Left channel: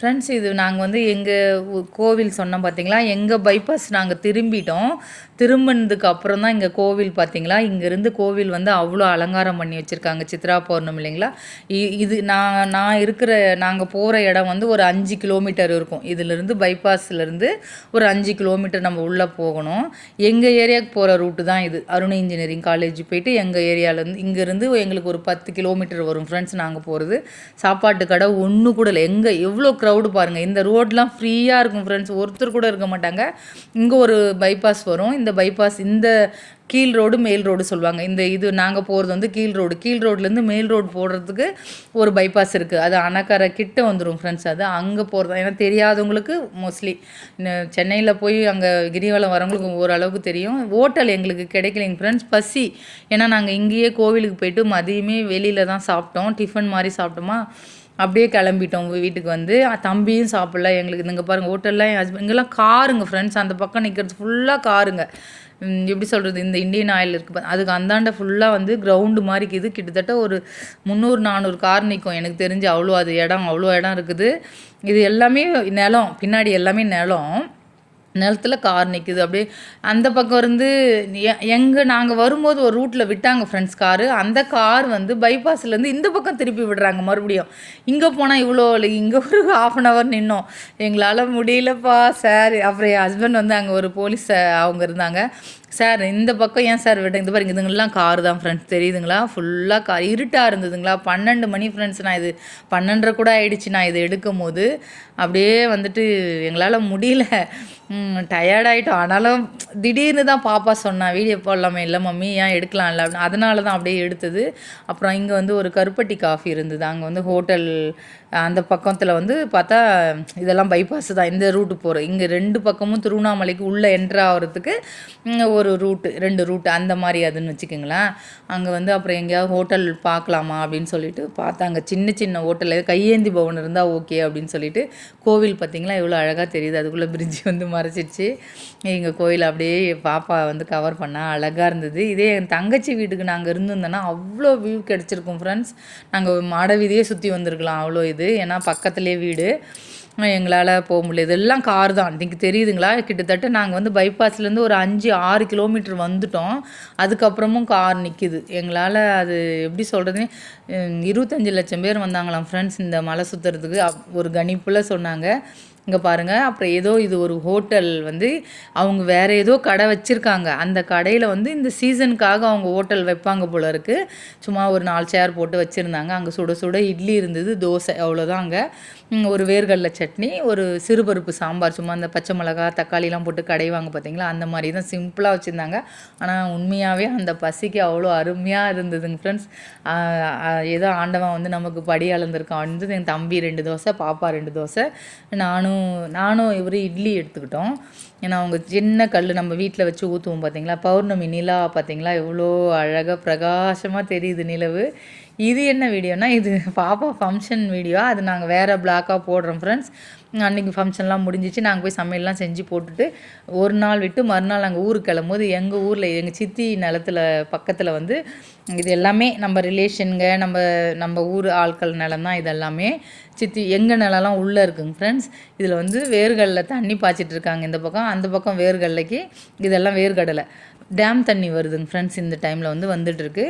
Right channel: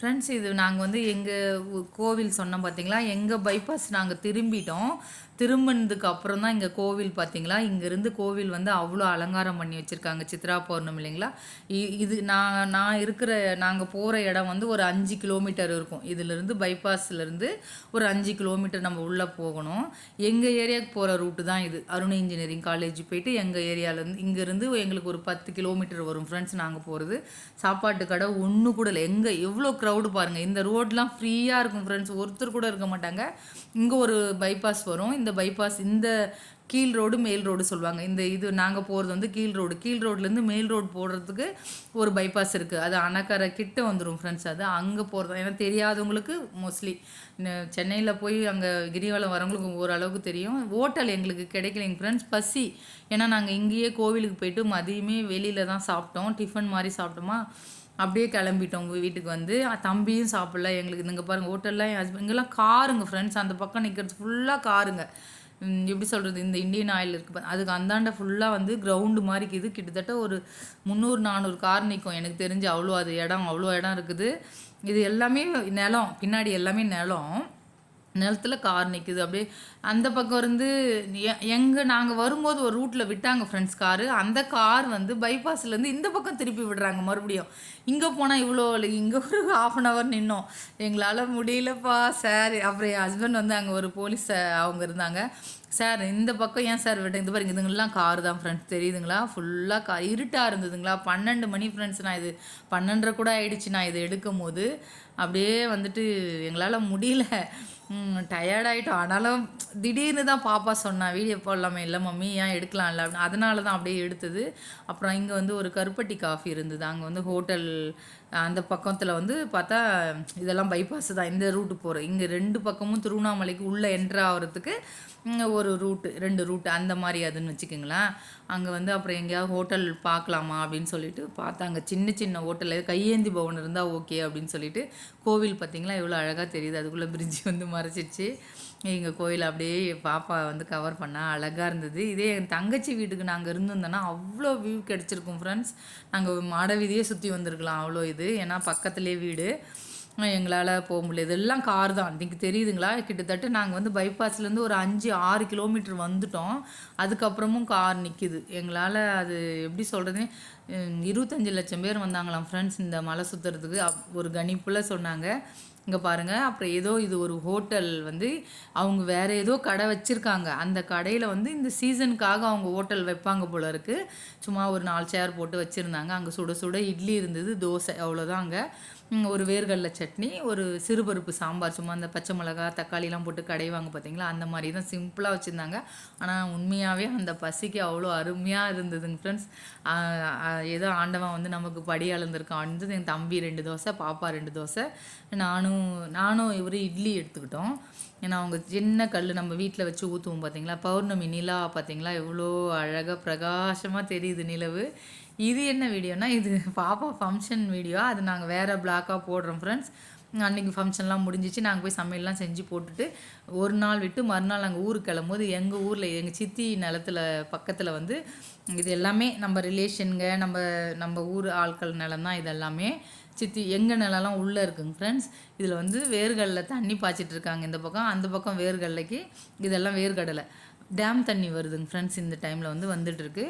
Friends இது நாங்கள் வந்து எங்கள் கோவில் சொன்னோம் பார்த்தீங்களா, எங்கள் பைபாஸ் நாங்கள் திரும்பிட்டோம். திரும்பினதுக்கு அப்புறம் தான் இங்கே கோவில் பார்த்தீங்களா, இங்கேருந்து கோவில் வந்து அவ்வளோ அலங்காரம் பண்ணி வச்சுருக்காங்க. சித்ரா பௌர்ணமி இல்லைங்களா. இது நான் நான் இருக்கிற நாங்கள் போகிற இடம் வந்து ஒரு 5 கிலோமீட்டர் இருக்கும். இதிலிருந்து பைபாஸ்லேருந்து ஒரு 5 கிலோமீட்டர் நம்ம உள்ளே போகணும். எங்கள் ஏரியாவுக்கு போகிற ரூட்டு தான் இது. அருண் இன்ஜினியரிங் காலேஜ் போயிட்டு எங்கள் ஏரியாவிலேருந்து இங்கேருந்து எங்களுக்கு ஒரு 10 கிலோமீட்டர் வரும் ஃப்ரெண்ட்ஸ். நாங்கள் போகிறது சாப்பாட்டு கடை ஒன்று கூட இல்லை. எவ்வளோ க்ரௌடு பாருங்கள். இந்த ரோடெலாம் ஃப்ரீயாக இருக்கும் ஃப்ரெண்ட்ஸ். ஒருத்தர் கூட இருக்க மாட்டாங்க. இங்கே ஒரு பைபாஸ் வரும். இந்த பைபாஸ் இந்த கீழ் ரோடு மேல் ரோடு சொல்லுவாங்க. இது நாங்கள் போகிறது வந்து கீழ் ரோடு. கீழ் ரோட்லேருந்து மேல் ரோடு போடுறதுக்கு ஒரு பைபாஸ் இருக்குது. அது அணக்கரை கிட்ட வந்துடும் ஃப்ரெண்ட்ஸ். அது அங்கே போகிறது ஏன்னா தெரியாதவங்களுக்கு மோஸ்ட்லி சென்னையில் போய் அங்கே கிரிவலம் வரவங்களுக்கு ஓரளவுக்கு தெரியும். ஹோட்டல் எங்களுக்கு கிடைக்கலைங்க ஃப்ரெண்ட்ஸ். பசி ஏன்னா நாங்கள் இங்கேயே கோவிலுக்கு போயிட்டு மதியமே வெளியில் தான் சாப்பிட்டோம். டிஃபன் மாதிரி சாப்பிட்டோமா, அப்படியே கிளம்பிட்டோம் வீட்டுக்கு வந்து. தம்பியும் சாப்பிடல. எங்களுக்கு இங்கே பாருங்கள் ஹோட்டல்லாம் என் ஹஸ்பண்ட் இங்கெல்லாம் காருங்க ஃப்ரெண்ட்ஸ். அந்த பக்கம் நிற்கிறது ஃபுல்லாக காருங்க. எப்படி சொல்கிறது, இந்த இந்தியன் ஆயில் இருக்குது அதுக்கு அந்தாண்ட ஃபுல்லாக வந்து கிரவுண்டு மாதிரி இருக்குது. கிட்டத்தட்ட ஒரு 300-400 கார் நிற்கும் எனக்கு தெரிஞ்சு. அவ்வளோ இடம் இருக்குது. இது எல்லாமே நிலம், பின்னாடி எல்லாமே நிலத்துல கார் நிற்குது. அப்படியே அந்த பக்கம் இருந்து நாங்கள் வரும்போது ஒரு ரூட்டில் விட்டாங்க ஃப்ரெண்ட்ஸ் காரு. அந்த கார் வந்து பைபாஸ்லேருந்து இந்த பக்கம் திருப்பி விடுறாங்க மறுபடியும். இங்கே போனால் இவ்வளோ இல்லை, இங்கே ஒரு 1/2 hour நின்னோம். எங்களால் முடியலப்பா சார். அப்புறம் என் ஹஸ்பண்ட் வந்து அங்கே ஒரு போலீஸ் அவங்க இருந்தாங்க. சார் இந்த பக்கம் ஏன் சார் விட்டேன், இந்த பாருங்க இதுங்கெல்லாம் கார் தான் ஃப்ரெண்ட்ஸ் தெரியுதுங்களா. ஃபுல்லாக கார், இருட்டாக இருந்ததுங்களா. 12 மணி ஃப்ரெண்ட்ஸ். நான் இது 12:30 கூட ஆகிடுச்சு நான் இது எடுக்கும் போது. அப்படியே வந்துட்டு எங்களால் முடியல, டயர்டாயிட்டோம். ஆனாலும் திடீர்னு தான் பாப்பா சொன்னா வீடியோ போடலாமே. இல்லை மம்மி ஏன் எடுக்கலாம்ல அப்படின்னு. அதனால தான் அப்படியே எடுத்தது. அப்புறம் இங்கே வந்து ஒரு கருப்பட்டி காஃபி இருந்தது. அங்கே வந்து ஹோட்டல் அந்த பக்கத்தில் வந்து பார்த்தா இதெல்லாம் பைபாஸ் தான் இந்த ரூட்டு போகிற. இங்கே 2 பக்கமும் திருவண்ணாமலைக்கு உள்ளே என்ட்ரு ஆகிறதுக்கு ஒரு ரூட்டு, 2 ரூட்டு அந்த மாதிரி அதுன்னு வச்சுக்கோங்களேன். அங்கே வந்து அப்புறம் எங்கேயாவது ஹோட்டல் பார்க்கலாமா அப்படின்னு சொல்லிட்டு பார்த்தாங்க. சின்ன சின்ன ஹோட்டல் கையேந்தி பவன் இருந்தால் ஓகே அப்படின்னு சொல்லிட்டு. கோவில் பார்த்திங்களா எவ்வளோ அழகாக தெரியுது. அதுக்குள்ளே பிரிட்ஜ் வந்து மறைச்சிடுச்சு. எங்கள் கோயில் அப்படியே பாப்பா வந்து கவர் பண்ணால் அழகாக இருந்தது. இதே என் தங்கச்சி வீட்டுக்கு நாங்கள் இருந்திருந்தோன்னா அவ்வளோ வியூ கிடச்சிருக்கும் ஃப்ரெண்ட்ஸ். நாங்கள் மாட வீதியே சுற்றி வந்திருக்கலாம் அவ்வளோ இது. ஏன்னா பக்கத்துலேயே வீடு. எங்களால் போக முடியாது. இதெல்லாம் கார் தான். இன்றைக்கி தெரியுதுங்களா. கிட்டத்தட்ட நாங்கள் வந்து பைபாஸ்லேருந்து ஒரு 5-6 கிலோமீட்டர் வந்துட்டோம். அதுக்கப்புறமும் கார் நிற்கிது. எங்களால் அது எப்படி சொல்கிறது, 25 லட்சம் பேர் வந்தாங்களாம் ஃப்ரெண்ட்ஸ் இந்த மலை சுற்றுறதுக்கு. ஒரு கணிப்பில் சொன்னாங்க. இங்கே பாருங்கள். அப்புறம் இது ஒரு ஹோட்டல் வந்து அவங்க வேறு ஏதோ கடை வச்சுருக்காங்க. அந்த கடையில் வந்து இந்த சீசனுக்காக அவங்க ஹோட்டல் வைப்பாங்க போல இருக்குது. சும்மா ஒரு 4 சேர் போட்டு வச்சுருந்தாங்க. அங்கே சுட சுட இட்லி இருந்தது, தோசை, அவ்வளோதான். அங்கே ஒரு வேர்கடலை சட்னி, ஒரு சிறுபருப்பு சாம்பார், சும்மா அந்த பச்சை மிளகா தக்காளிலாம் போட்டு கடைவாங்க பார்த்தீங்களா, அந்த மாதிரி தான் சிம்பிளாக வச்சுருந்தாங்க. ஆனால் உண்மையாகவே அந்த பசிக்கு அவ்வளோ அருமையாக இருந்ததுங்க ஃப்ரெண்ட்ஸ். ஏதோ ஆண்டவன் வந்து நமக்கு படி அளந்திருக்கான் வந்து. என் தம்பி 2 தோசை, பாப்பா 2 தோசை, நானும் இவர் இட்லி எடுத்துக்கிட்டோம். ஏன்னா அவங்க சின்ன கல் நம்ம வீட்டில் வச்சு ஊற்றுவோம் பார்த்தீங்களா. பௌர்ணமி நிலா பார்த்தீங்களா எவ்வளோ அழகாக பிரகாசமாக தெரியுது நிலவு. இது என்ன வீடியோனா, இது பாப்பா ஃபங்க்ஷன் வீடியோ. அது நாங்கள் வேறு பிளாக்காக போடுறோம் ஃப்ரெண்ட்ஸ். அன்றைக்கி ஃபங்க்ஷன்லாம் முடிஞ்சிச்சு. நாங்கள் போய் சமையல்லாம் செஞ்சு போட்டுட்டு ஒரு நாள் விட்டு மறுநாள் நாங்கள் ஊருக்கு கிளம்போது எங்கள் ஊரில் எங்கள் சித்தி நிலத்தில் பக்கத்தில் வந்து இது எல்லாமே நம்ம ரிலேஷனுங்க, நம்ம ஊர் ஆட்கள் நிலம் தான் இது எல்லாமே. சித்தி எங்கள் நிலம்லாம் உள்ளே இருக்குங்க ஃப்ரெண்ட்ஸ். இதில் வந்து வேர்கடலை தண்ணி பாய்ச்சிட்ருக்காங்க இந்த பக்கம். அந்த பக்கம் வேர்கடலைக்கு இதெல்லாம் வேர்கடலை. டேம் தண்ணி வருதுங்க ஃப்ரெண்ட்ஸ். இந்த டைமில் வந்து வந்துட்டுருக்கு.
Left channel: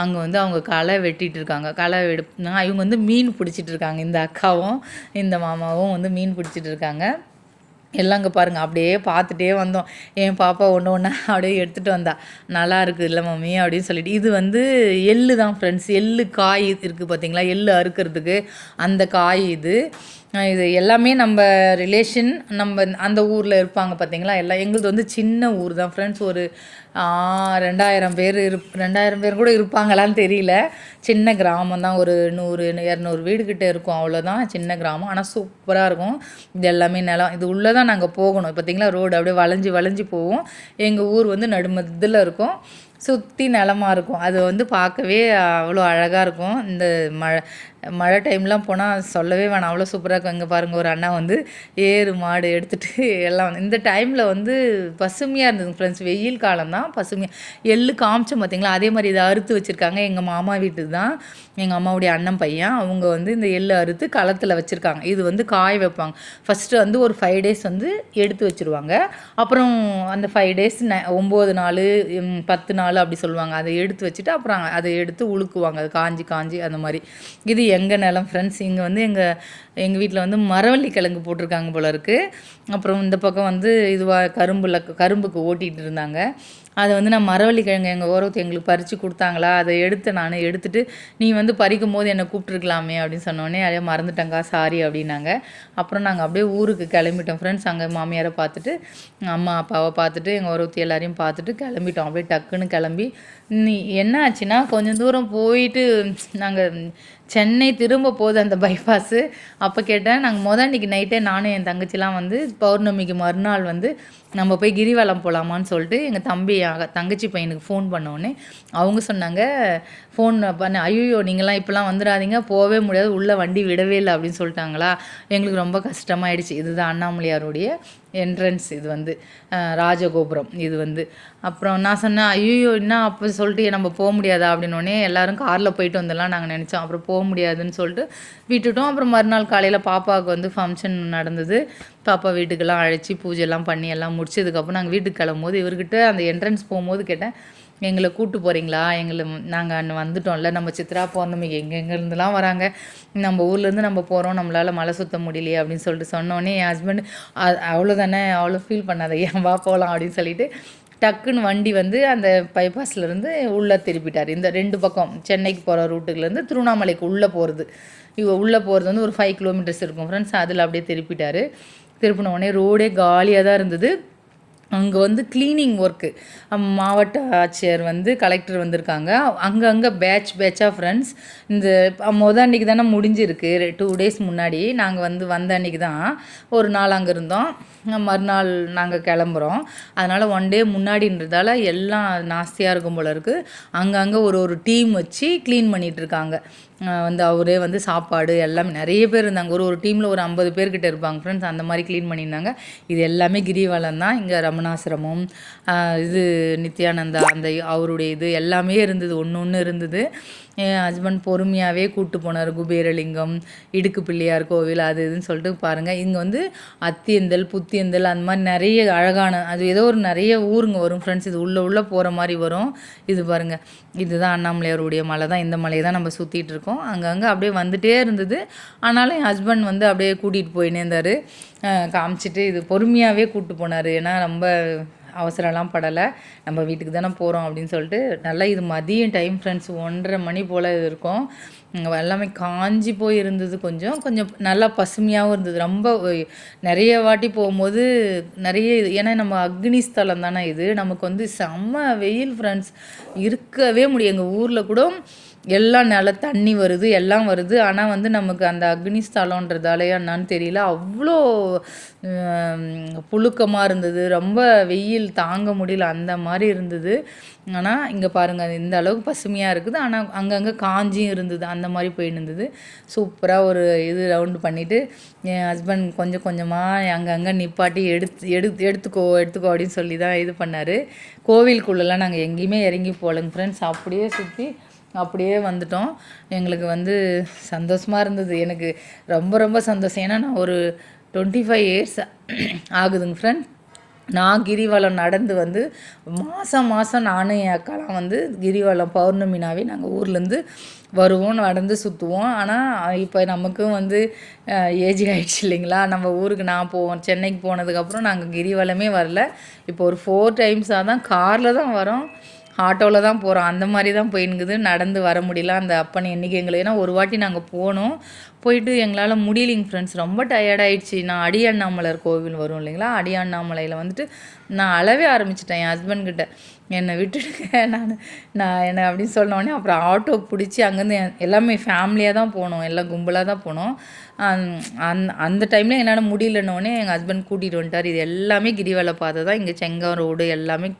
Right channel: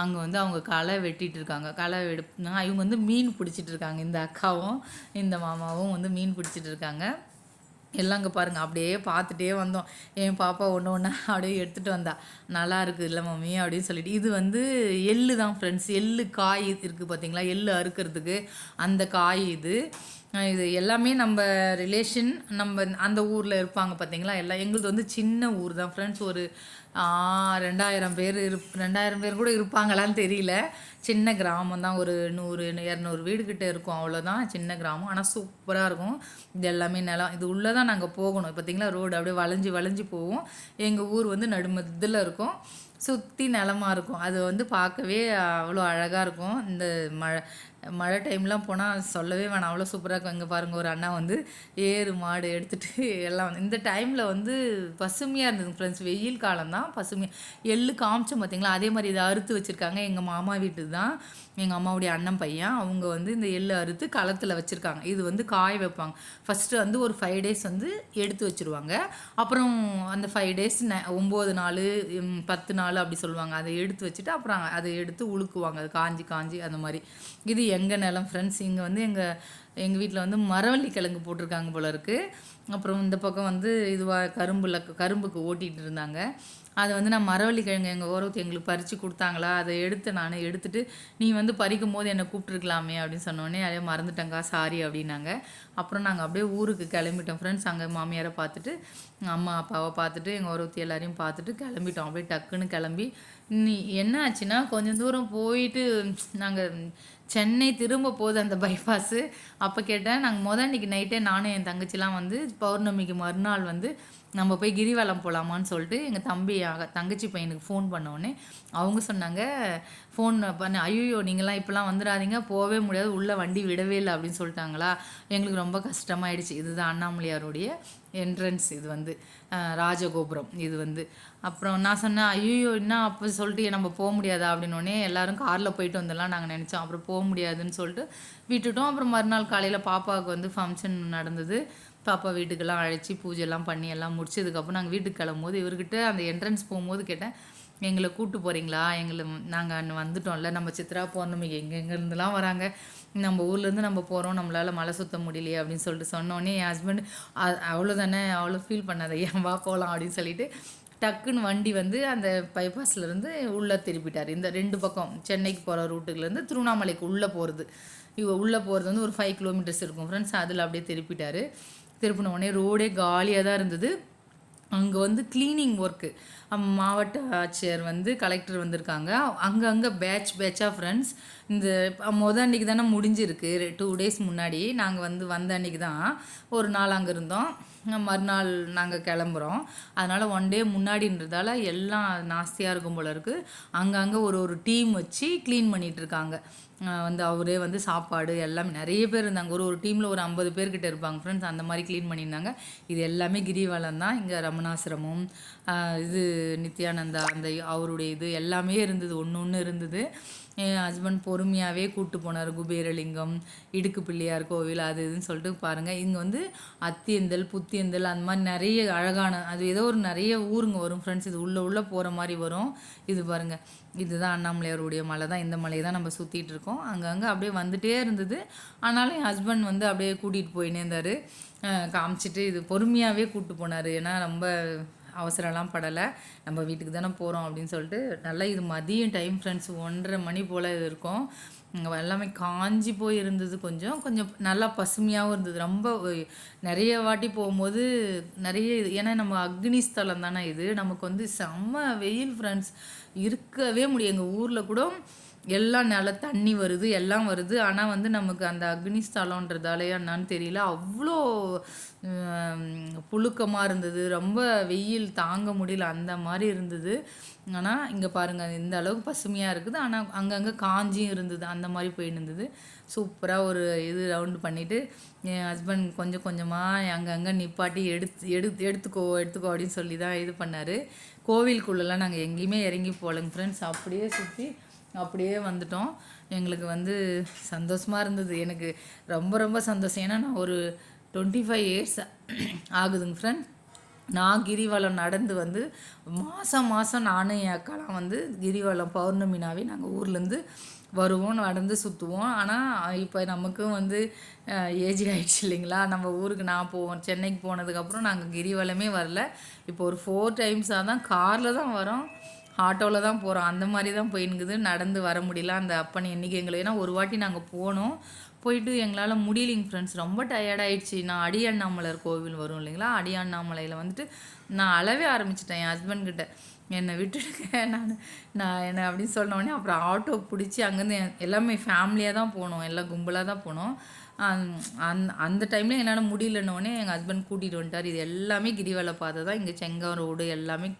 அங்கே வந்து அவங்க களை வெட்டிகிட்டு இருக்காங்க. களை இவங்க வந்து மீன் பிடிச்சிட்டு இருக்காங்க. இந்த அக்காவும் இந்த மாமாவும் வந்து மீன் பிடிச்சிட்டு இருக்காங்க. எல்லாம் இங்கே பாருங்கள். அப்படியே பார்த்துட்டே வந்தோம். என் பாப்பா ஒன்று அப்படியே எடுத்துகிட்டு வந்தா. நல்லா இருக்குது இல்லை மம்மி அப்படின்னு சொல்லிட்டு. இது வந்து எள்ளு தான் ஃப்ரெண்ட்ஸ். எள்ளு காய் இருக்குது பார்த்தீங்களா, எள்ளு அறுக்கிறதுக்கு அந்த காய் இது எல்லாமே நம்ம ரிலேஷன் நம்ம அந்த ஊரில் இருப்பாங்க பார்த்தீங்களா. எல்லாம் எங்களுது வந்து சின்ன ஊர் தான் ஃப்ரெண்ட்ஸ். ஒரு 2000 பேர் கூட இருப்பாங்களான்னு தெரியல. சின்ன கிராமம் தான். ஒரு 100-200 வீடு கிட்டே இருக்கும், அவ்வளோதான். சின்ன கிராமம், ஆனால் சூப்பராக இருக்கும். இது எல்லாமே நிலம். இது உள்ளே தான் நாங்கள் போகணும். பார்த்திங்களா ரோடு அப்படியே வளைஞ்சி போவோம். எங்கள் ஊர் வந்து நடுமதில் இருக்கும். சுற்றி நிலமாக இருக்கும். அது வந்து பார்க்கவே அவ்வளோ அழகாக இருக்கும். இந்த மழை டைம்லாம் போனால் சொல்லவே வேணாம், அவ்வளோ சூப்பராக இருக்கும். இங்கே பாருங்கள், ஒரு அண்ணா வந்து ஏறு மாடு எடுத்துகிட்டு எல்லாம் இந்த டைமில் வந்து பசுமையாக இருந்தது ஃப்ரெண்ட்ஸ். வெயில் காலம் தான் பசுமையாக. எள்ளு காமிச்சோம் பார்த்தீங்களா, அதே மாதிரி இதை அறுத்து வச்சுருக்காங்க. எங்கள் மாமா வீட்டுக்கு தான், எங்கள் அம்மாவுடைய அண்ணன் பையன் அவங்க வந்து இந்த எள்ளு அறுத்து களத்தில் வச்சுருக்காங்க. இது வந்து காய வைப்பாங்க. ஃபஸ்ட்டு வந்து ஒரு 5 டேஸ் வந்து எடுத்து வச்சுருவாங்க. அப்புறம் அந்த 5 டேஸ் 9 நாள் 10 நாள் அப்படி சொல்லுவாங்க. அதை எடுத்து வச்சுட்டு அப்புறம் அதை எடுத்து உழுக்குவாங்க. அது காஞ்சி காஞ்சி அந்த மாதிரி. இது எங்கள் நிலம் ஃப்ரெண்ட்ஸ். இங்கே வந்து எங்கள் வீட்டில் வந்து மரவள்ளி கிழங்கு போட்டிருக்காங்க போல இருக்குது. அப்புறம் இந்த பக்கம் வந்து இதுவாக கரும்புக்கு ஓட்டிகிட்டு இருந்தாங்க. அதை வந்து நான் மரவள்ளி கிழங்கு எங்கள் ஓரத்து எங்களுக்கு பறித்து கொடுத்தாங்களா, அதை நான் எடுத்துகிட்டு நீ வந்து பறிக்கும் போது என்னை கூப்பிட்ருக்கலாமே அப்படின்னு சொன்னோடனே அதே மறந்துட்டேங்க்கா சாரி அப்படின்னாங்க. அப்புறம் நாங்கள் அப்படியே ஊருக்கு கிளம்பிட்டோம் ஃப்ரெண்ட்ஸ். அங்கே மாமியாரை பார்த்துட்டு அம்மா அப்பாவை பார்த்துட்டு எங்கள் ஓரத்து எல்லாரையும் பார்த்துட்டு கிளம்பிட்டோம். அப்படியே டக்குன்னு கிளம்பி என்ன ஆச்சுன்னா, கொஞ்சம் தூரம் போயிட்டு நாங்கள் சென்னை திரும்ப போகுது அந்த பைபாஸு. அப்போ கேட்டேன், நாங்கள் அன்றைக்கி நைட்டே நானும் என் தங்கச்சிலாம் வந்து பௌர்ணமிக்கு மறுநாள் வந்து நம்ம போய் கிரிவலம் போகலாமான்னு சொல்லிட்டு எங்கள் தங்கச்சி பையனுக்கு ஃபோன் பண்ணோடனே அவங்க சொன்னாங்க, ஃபோன் பண்ண, ஐயோ நீங்களாம் இப்போலாம் வந்துடாதீங்க, போகவே முடியாது, உள்ளே வண்டி விடவே இல்லை அப்படின்னு சொல்லிட்டாங்களா. எங்களுக்கு ரொம்ப கஷ்டமாயிடுச்சு. இதுதான் அண்ணாமலையாருடைய என்ட்ரன்ஸ். இது வந்து ராஜகோபுரம் இது வந்து. அப்புறம் நான் சொன்னேன், ஐயோ என்ன அப்போ சொல்லிட்டு நம்ம போக முடியாதா அப்படின்னோடனே எல்லோரும் காரில் போயிட்டு வந்துடலாம் நாங்கள் நினச்சோம். அப்புறம் போக முடியாதுன்னு சொல்லிட்டு விட்டுட்டோம். அப்புறம் மறுநாள் காலையில் பாப்பாவுக்கு வந்து ஃபங்க்ஷன் நடந்தது. பாப்பா வீட்டுக்கெல்லாம் அழைச்சி பூஜைலாம் பண்ணி எல்லாம் முடிச்சதுக்கப்புறம் நாங்கள் வீட்டுக்கு கிளம்பும்போது இவர்கிட்ட அந்த என்ட்ரன்ஸ் போகும்போது கேட்டேன், எங்களை கூப்பிட்டு போகிறீங்களா, நாங்கள் அங்கே வந்துட்டோம்ல, நம்ம சித்ரா பௌர்ணமிக்கு எங்கெங்கேருந்துலாம் வராங்க, நம்ம ஊர்லேருந்து நம்ம போகிறோம், நம்மளால் மலை சுற்ற முடியலையே அப்படின்னு சொல்லிட்டு சொன்னோன்னே என் ஹஸ்பண்ட் அவ்வளோதானே, அவ்வளோ ஃபீல் பண்ணாத, ஏன் வா போகலாம் அப்படின்னு சொல்லிட்டு டக்குன்னு வண்டி வந்து அந்த பைபாஸ்லேருந்து உள்ளே திருப்பிட்டார். இந்த 2 பக்கம் சென்னைக்கு போகிற ரூட்டுலேருந்து திருவண்ணாமலைக்கு உள்ளே போகிறது, உள்ளே போகிறது வந்து ஒரு 5 கிலோமீட்டர்ஸ் இருக்கும் ஃப்ரெண்ட்ஸ். அதில் அப்படியே திருப்பிட்டார். திருப்பின உடனே ரோடே காலியாக தான் இருந்தது. அங்கே வந்து க்ளீனிங் ஒர்க்கு, மாவட்ட ஆட்சியர் வந்து கலெக்டர் வந்திருக்காங்க. அங்கங்கே பேட்சாக ஃப்ரெண்ட்ஸ். இந்த அன்றைக்கி தானே முடிஞ்சிருக்கு, 2 டேஸ் முன்னாடி நாங்கள் வந்து வந்த அன்றைக்கி தான் ஒரு நாள் அங்கே இருந்தோம். மறுநாள் நாங்கள் கிளம்புறோம். அதனால் 1 டே முன்னாடின்றதால எல்லாம் நாஸ்தியாக இருக்கும் போல இருக்குது. அங்கங்கே ஒரு டீம் வச்சு க்ளீன் பண்ணிகிட்ருக்காங்க. வந்து அவரே வந்து சாப்பாடு எல்லாமே நிறைய பேர் இருந்தாங்க. ஒரு டீமில் ஒரு 50 பேர்கிட்ட இருப்பாங்க ஃப்ரெண்ட்ஸ். அந்த மாதிரி க்ளீன் பண்ணியிருந்தாங்க. இது எல்லாமே கிரிவலம் தான். இங்கே ரமணாசிரமம், இது நித்யானந்தா அந்த அவருடைய இது எல்லாமே இருந்தது, ஒன்று இருந்தது. என் ஹஸ்பண்ட் பொறுமையாகவே கூப்பிட்டு போனார். குபேரலிங்கம், இடுக்கு பிள்ளையார் கோவில் அது இதுன்னு சொல்லிட்டு பாருங்கள். இங்கே வந்து அத்தியந்தல், புத்தியந்தல் அந்த மாதிரி நிறைய அழகான அது ஏதோ ஒரு நிறைய ஊருங்க வரும் ஃப்ரெண்ட்ஸ். இது உள்ளே போகிற மாதிரி வரும். இது பாருங்கள், இதுதான் அண்ணாமலையாருடைய மலை தான். இந்த மலையை தான் நம்ம சுற்றிட்டு இருக்கோம். அங்கங்கே அப்படியே வந்துகிட்டே இருந்தது. ஆனாலும் என் ஹஸ்பண்ட் வந்து அப்படியே கூட்டிகிட்டு போயினே இருந்தார், காமிச்சிட்டு. இது பொறுமையாகவே கூப்பிட்டு போனார். ஏன்னா ரொம்ப அவசரம்லாம் படலை, நம்ம வீட்டுக்கு தானே போகிறோம் அப்படின்னு சொல்லிட்டு. நல்லா இது மதியம் டைம் ஃப்ரெண்ட்ஸ், 1:30 மணி போல் இருக்கும். எல்லாமே காஞ்சி போய் இருந்தது. கொஞ்சம் கொஞ்சம் நல்லா பசுமையாகவும் இருந்தது. ரொம்ப நிறைய வாட்டி போகும்போது நிறைய ஏன்னா நம்ம அக்னி ஸ்தலம் தானே இது, நமக்கு வந்து செம்ம வெயில் ஃப்ரெண்ட்ஸ், இருக்கவே முடியும். எங்கள் ஊரில் கூட எல்லாம் நல்லா தண்ணி வருது, எல்லாம் வருது. ஆனால் வந்து நமக்கு அந்த அக்னி ஸ்தலன்றதாலேயா என்னான்னு தெரியல, அவ்வளோ புழுக்கமாக இருந்தது. ரொம்ப வெயில் தாங்க முடியல, அந்த மாதிரி இருந்தது. ஆனால் இங்கே பாருங்கள், இந்த அளவுக்கு பசுமையாக இருக்குது. ஆனால் அங்கங்கே காஞ்சியும் இருந்தது. அந்த மாதிரி போயின்னு இருந்தது. சூப்பராக ஒரு இது ரவுண்டு பண்ணிவிட்டு என் ஹஸ்பண்ட் கொஞ்சம் கொஞ்சமாக அங்கங்கே நிப்பாட்டி எடுத்துக்கோ அப்படின்னு சொல்லி தான் இது பண்ணார். கோவிலுக்குள்ளெல்லாம் நாங்கள் எங்கேயுமே இறங்கி போகலைங்க ஃப்ரெண்ட்ஸ். அப்படியே சுற்றி அப்படியே வந்துட்டோம். எங்களுக்கு வந்து சந்தோஷமாக இருந்தது. எனக்கு ரொம்ப ரொம்ப சந்தோஷம். ஏன்னா நான் ஒரு 25 இயர்ஸ் ஆகுதுங்க ஃப்ரெண்ட். நான் கிரிவலம் நடந்து வந்து மாதம் நானும் என் அக்காலாம் வந்து கிரிவலம் பௌர்ணமினாவே நாங்கள் ஊர்லேருந்து வருவோம், நடந்து சுற்றுவோம். ஆனால் இப்போ நமக்கும் வந்து ஏஜ் ஆகிடுச்சு இல்லைங்களா. நம்ம ஊருக்கு நான் சென்னைக்கு போனதுக்கப்புறம் நாங்கள் கிரிவலமே வரல. இப்போ ஒரு 4 டைம்ஸாக தான் காரில் தான் வரோம், ஆட்டோவில் தான் போகிறோம். அந்த மாதிரி தான் போயின்னுக்குது. நடந்து வர முடியல. அந்த அப்பன் என்றைக்கு எங்களுக்கு, ஏன்னா ஒரு வாட்டி நாங்கள் போயிட்டு எங்களால் முடியலைங்க ஃப்ரெண்ட்ஸ், ரொம்ப டயர்டாயிடுச்சு. நான் அண்ணாமலையார் கோவில் வரும் இல்லைங்களா, அண்ணாமலையில் வந்துட்டு நான் அழவே ஆரம்பிச்சிட்டேன் என் ஹஸ்பண்ட்கிட்ட, என்னை விட்டுடுங்க நான் என்ன அப்படின்னு சொன்னோடனே அப்புறம் ஆட்டோ பிடிச்சி அங்கேருந்து எல்லாமே ஃபேமிலியாக தான் போனோம், எல்லாம் கும்பலாக தான் போனோம். அந்த டைமில் என்னால் முடியலன்னொடனே எங்கள் ஹஸ்பண்ட் கூட்டிகிட்டு வந்துட்டார். இது எல்லாமே கிரிவல பாதை தான். இங்கே செங்கம் ரோடு எல்லாமே